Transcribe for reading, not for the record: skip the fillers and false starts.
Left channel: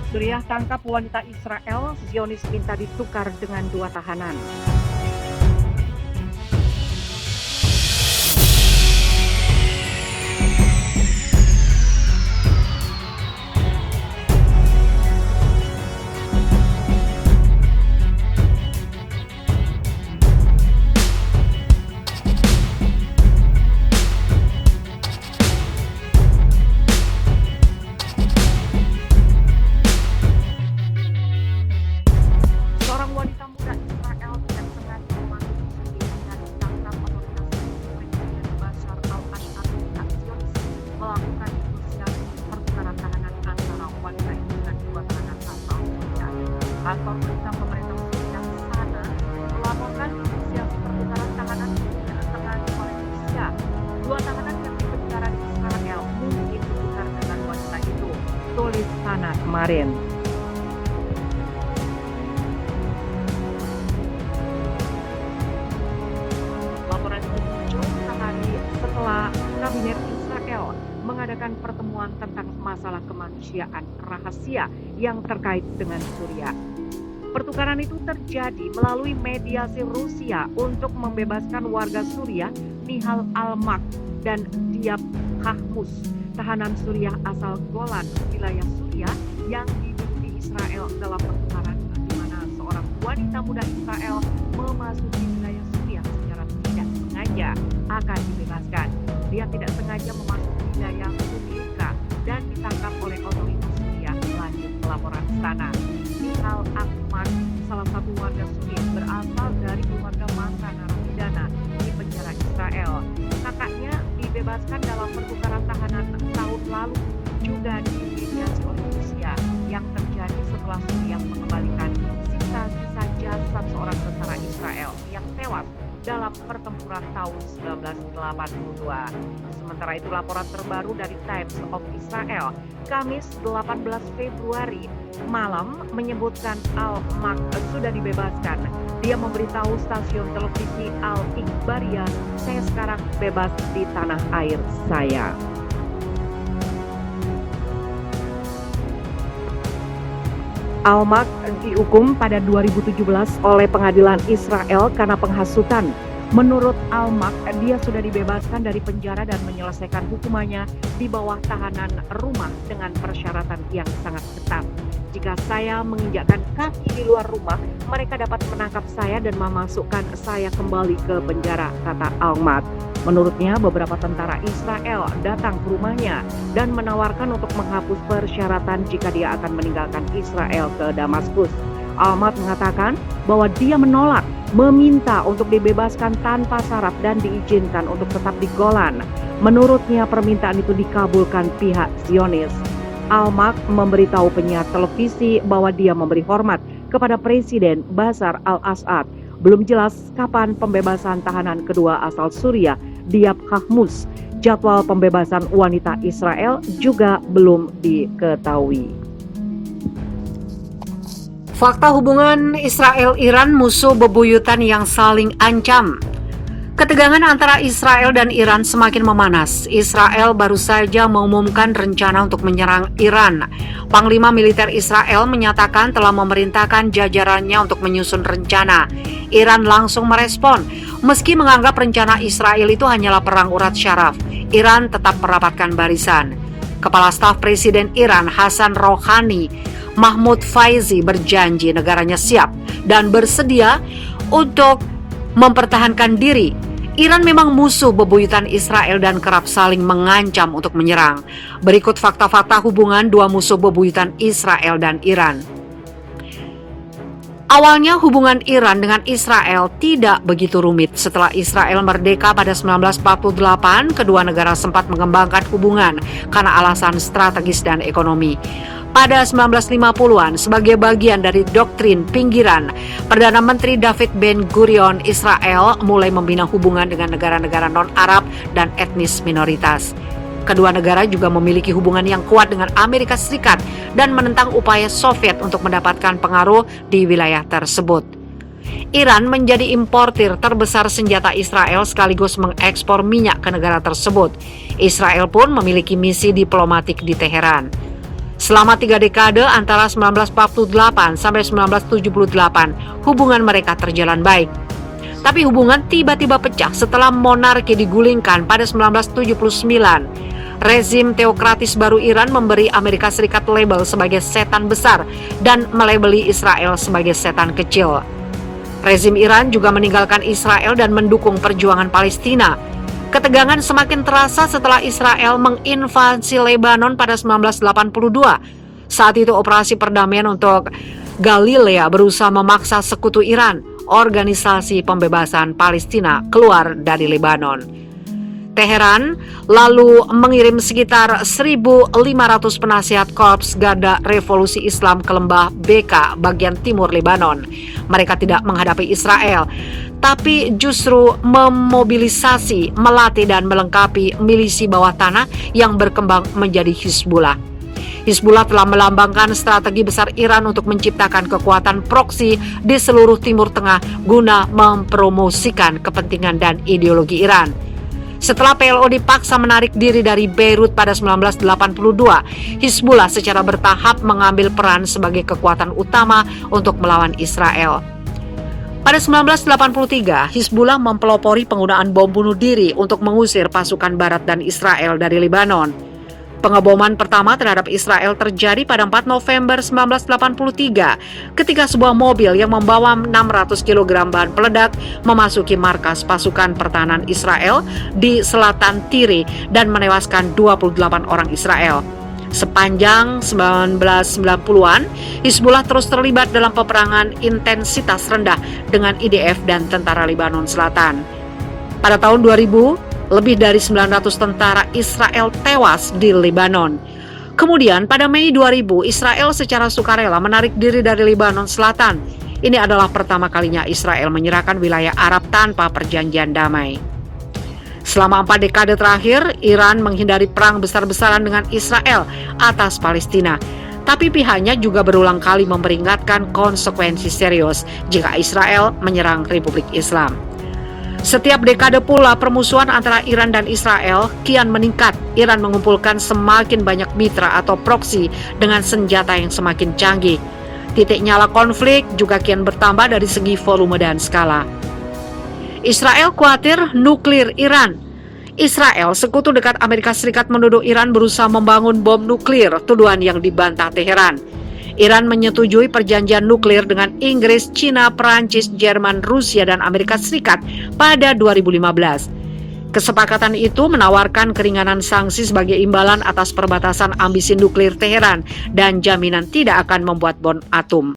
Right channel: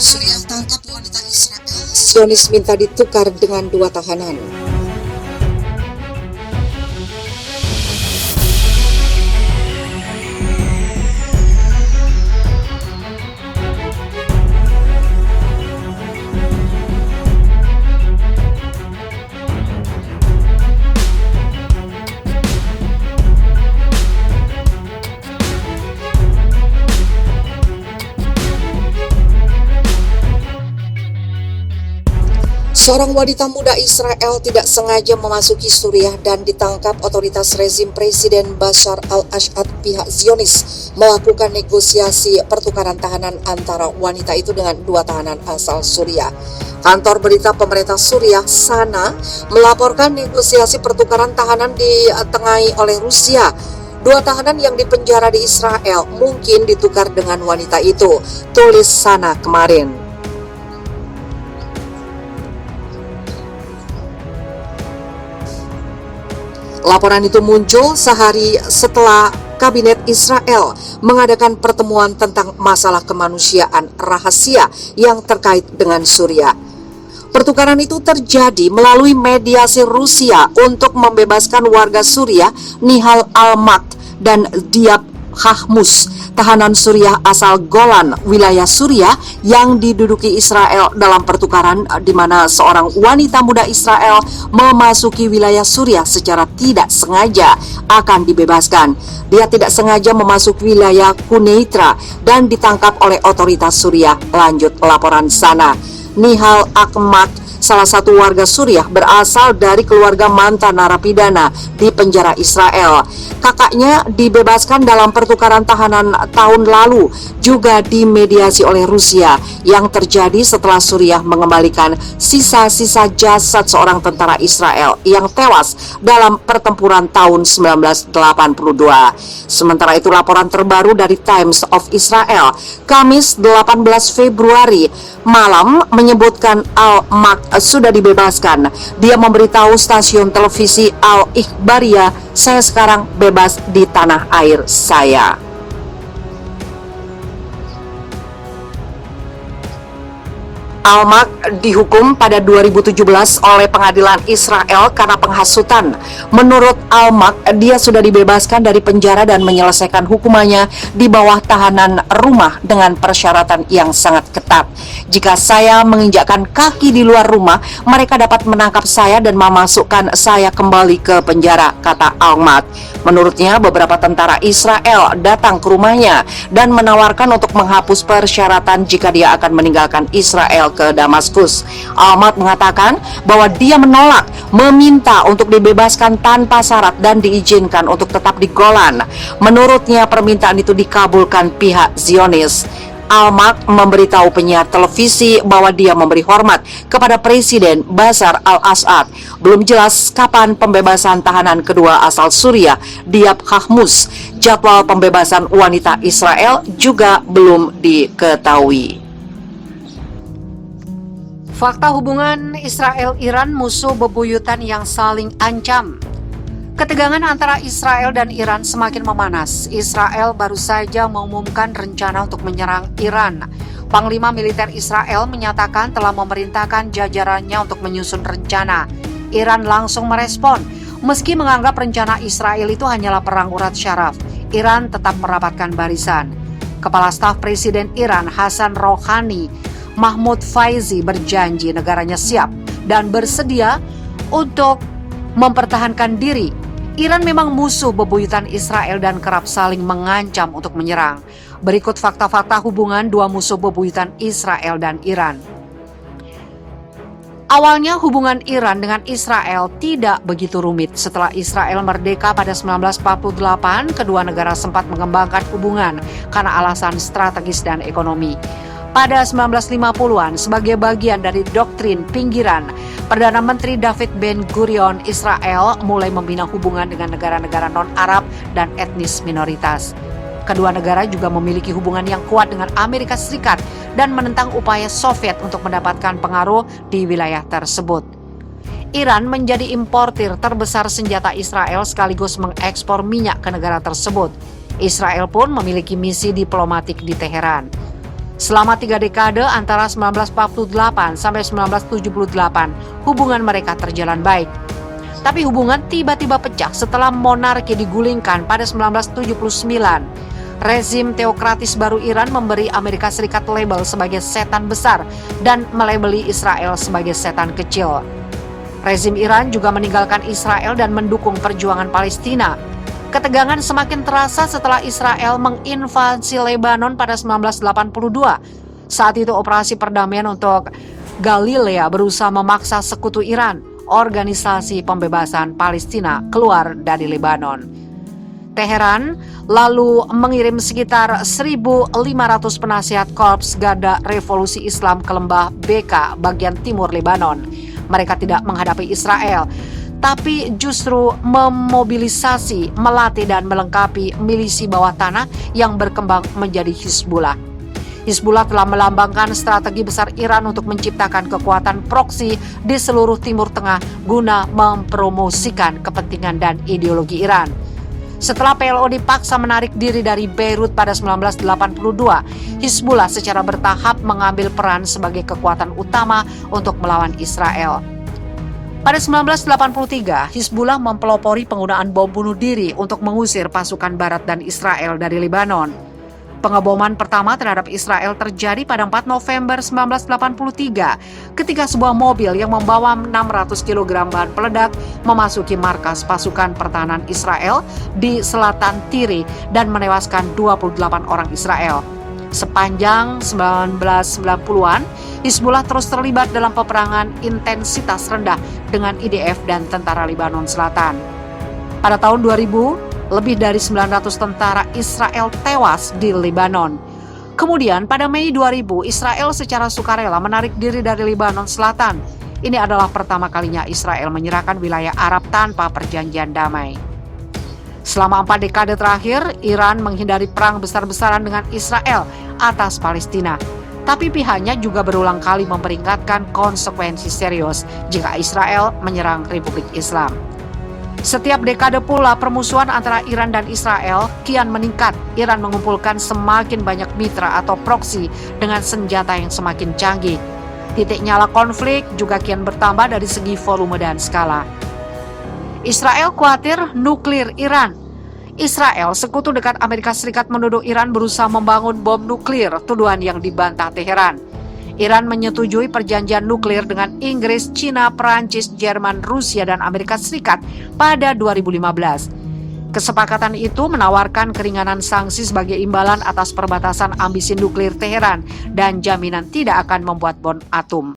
Suriah tangkap wanita Israel, Zionis minta ditukar dengan 2 tahanan. Seorang wanita muda Israel tidak sengaja memasuki Suriah dan ditangkap otoritas rezim Presiden Bashar al-Assad. Pihak Zionis melakukan negosiasi pertukaran tahanan antara wanita itu dengan 2 tahanan asal Suriah. Kantor berita pemerintah Suriah Sana melaporkan negosiasi pertukaran tahanan ditengahi oleh Rusia. 2 tahanan yang dipenjara di Israel mungkin ditukar dengan wanita itu, tulis Sana kemarin. Laporan itu muncul sehari setelah Kabinet Israel mengadakan pertemuan tentang masalah kemanusiaan rahasia yang terkait dengan Suriah. Pertukaran itu terjadi melalui mediasi Rusia untuk membebaskan warga Suriah Nihal Almak dan Diab Khahmus, tahanan Suriah asal Golan, wilayah Suriah yang diduduki Israel dalam pertukaran di mana seorang wanita muda Israel memasuki wilayah Suriah secara tidak sengaja akan dibebaskan. Dia tidak sengaja memasuki wilayah Quneitra dan ditangkap oleh otoritas Suriah, lanjut laporan Sana. Nihal Almak, salah satu warga Suriah, berasal dari keluarga mantan narapidana di penjara Israel. Kakaknya dibebaskan dalam pertukaran tahanan tahun lalu, juga dimediasi oleh Rusia, yang terjadi setelah Suriah mengembalikan sisa-sisa jasad seorang tentara Israel yang tewas dalam pertempuran tahun 1982. Sementara itu, laporan terbaru dari Times of Israel, Kamis 18 Februari malam menyebutkan Al-Mak sudah dibebaskan. Dia memberitahu stasiun televisi Al-Ikhbariyah, "Saya sekarang bebas di tanah air saya." Almak dihukum pada 2017 oleh pengadilan Israel karena penghasutan. Menurut Almak, dia sudah dibebaskan dari penjara dan menyelesaikan hukumannya di bawah tahanan rumah dengan persyaratan yang sangat ketat. "Jika saya menginjakkan kaki di luar rumah, mereka dapat menangkap saya dan memasukkan saya kembali ke penjara," kata Almak. Menurutnya, beberapa tentara Israel datang ke rumahnya dan menawarkan untuk menghapus persyaratan jika dia akan meninggalkan Israel ke Damaskus. Almak mengatakan bahwa dia menolak, meminta untuk dibebaskan tanpa syarat dan diizinkan untuk tetap di Golan. Menurutnya, permintaan itu dikabulkan pihak Zionis. Almak memberitahu penyiar televisi bahwa dia memberi hormat kepada Presiden Bashar al-Assad. Belum jelas kapan pembebasan tahanan kedua asal Suriah, Diab Khahmus. Jadwal pembebasan wanita Israel juga belum diketahui. Fakta hubungan Israel-Iran, musuh bebuyutan yang saling ancam. Ketegangan antara Israel dan Iran semakin memanas. Israel baru saja mengumumkan rencana untuk menyerang Iran. Panglima militer Israel menyatakan telah memerintahkan jajarannya untuk menyusun rencana. Iran langsung merespon. Meski menganggap rencana Israel itu hanyalah perang urat syaraf, Iran tetap merapatkan barisan. Kepala Staf Presiden Iran Hassan Rouhani, Mahmoud Faizi, berjanji negaranya siap dan bersedia untuk mempertahankan diri. Iran memang musuh bebuyutan Israel dan kerap saling mengancam untuk menyerang. Berikut fakta-fakta hubungan dua musuh bebuyutan Israel dan Iran. Awalnya hubungan Iran dengan Israel tidak begitu rumit. Setelah Israel merdeka pada 1948, kedua negara sempat mengembangkan hubungan karena alasan strategis dan ekonomi. Pada 1950-an, sebagai bagian dari doktrin pinggiran, Perdana Menteri David Ben-Gurion Israel mulai membina hubungan dengan negara-negara non-Arab dan etnis minoritas. Kedua negara juga memiliki hubungan yang kuat dengan Amerika Serikat dan menentang upaya Soviet untuk mendapatkan pengaruh di wilayah tersebut. Iran menjadi importir terbesar senjata Israel sekaligus mengekspor minyak ke negara tersebut. Israel pun memiliki misi diplomatik di Teheran. Selama 3 dekade antara 1948 sampai 1978, hubungan mereka terjalan baik. Tapi hubungan tiba-tiba pecah setelah monarki digulingkan pada 1979. Rezim teokratis baru Iran memberi Amerika Serikat label sebagai setan besar dan melabeli Israel sebagai setan kecil. Rezim Iran juga meninggalkan Israel dan mendukung perjuangan Palestina. Ketegangan semakin terasa setelah Israel menginvasi Lebanon pada 1982. Saat itu operasi perdamaian untuk Galilea berusaha memaksa sekutu Iran, Organisasi Pembebasan Palestina, keluar dari Lebanon. Teheran lalu mengirim sekitar 1.500 penasihat Korps Garda Revolusi Islam ke lembah Beka bagian timur Lebanon. Mereka tidak menghadapi Israel, tapi justru memobilisasi, melatih dan melengkapi milisi bawah tanah yang berkembang menjadi Hizbullah. Hizbullah telah melambangkan strategi besar Iran untuk menciptakan kekuatan proksi di seluruh Timur Tengah guna mempromosikan kepentingan dan ideologi Iran. Setelah PLO dipaksa menarik diri dari Beirut pada 1982, Hizbullah secara bertahap mengambil peran sebagai kekuatan utama untuk melawan Israel. Pada 1983, Hizbullah mempelopori penggunaan bom bunuh diri untuk mengusir pasukan Barat dan Israel dari Lebanon. Pengeboman pertama terhadap Israel terjadi pada 4 November 1983 ketika sebuah mobil yang membawa 600 kg bahan peledak memasuki markas pasukan pertahanan Israel di selatan Tire dan menewaskan 28 orang Israel. Sepanjang 1990-an, Hizbullah terus terlibat dalam peperangan intensitas rendah dengan IDF dan tentara Lebanon Selatan. Pada tahun 2000, lebih dari 900 tentara Israel tewas di Lebanon. Kemudian pada Mei 2000, Israel secara sukarela menarik diri dari Lebanon Selatan. Ini adalah pertama kalinya Israel menyerahkan wilayah Arab tanpa perjanjian damai. Selama 4 dekade terakhir, Iran menghindari perang besar-besaran dengan Israel atas Palestina. Tapi pihaknya juga berulang kali memperingatkan konsekuensi serius jika Israel menyerang Republik Islam. Setiap dekade pula permusuhan antara Iran dan Israel kian meningkat. Iran mengumpulkan semakin banyak mitra atau proksi dengan senjata yang semakin canggih. Titik nyala konflik juga kian bertambah dari segi volume dan skala. Israel khawatir nuklir Iran. Israel, sekutu dekat Amerika Serikat, menuduh Iran berusaha membangun bom nuklir, tuduhan yang dibantah Teheran. Iran menyetujui perjanjian nuklir dengan Inggris, Cina, Perancis, Jerman, Rusia, dan Amerika Serikat pada 2015. Kesepakatan itu menawarkan keringanan sanksi sebagai imbalan atas perbatasan ambisi nuklir Teheran dan jaminan tidak akan membuat bom atom.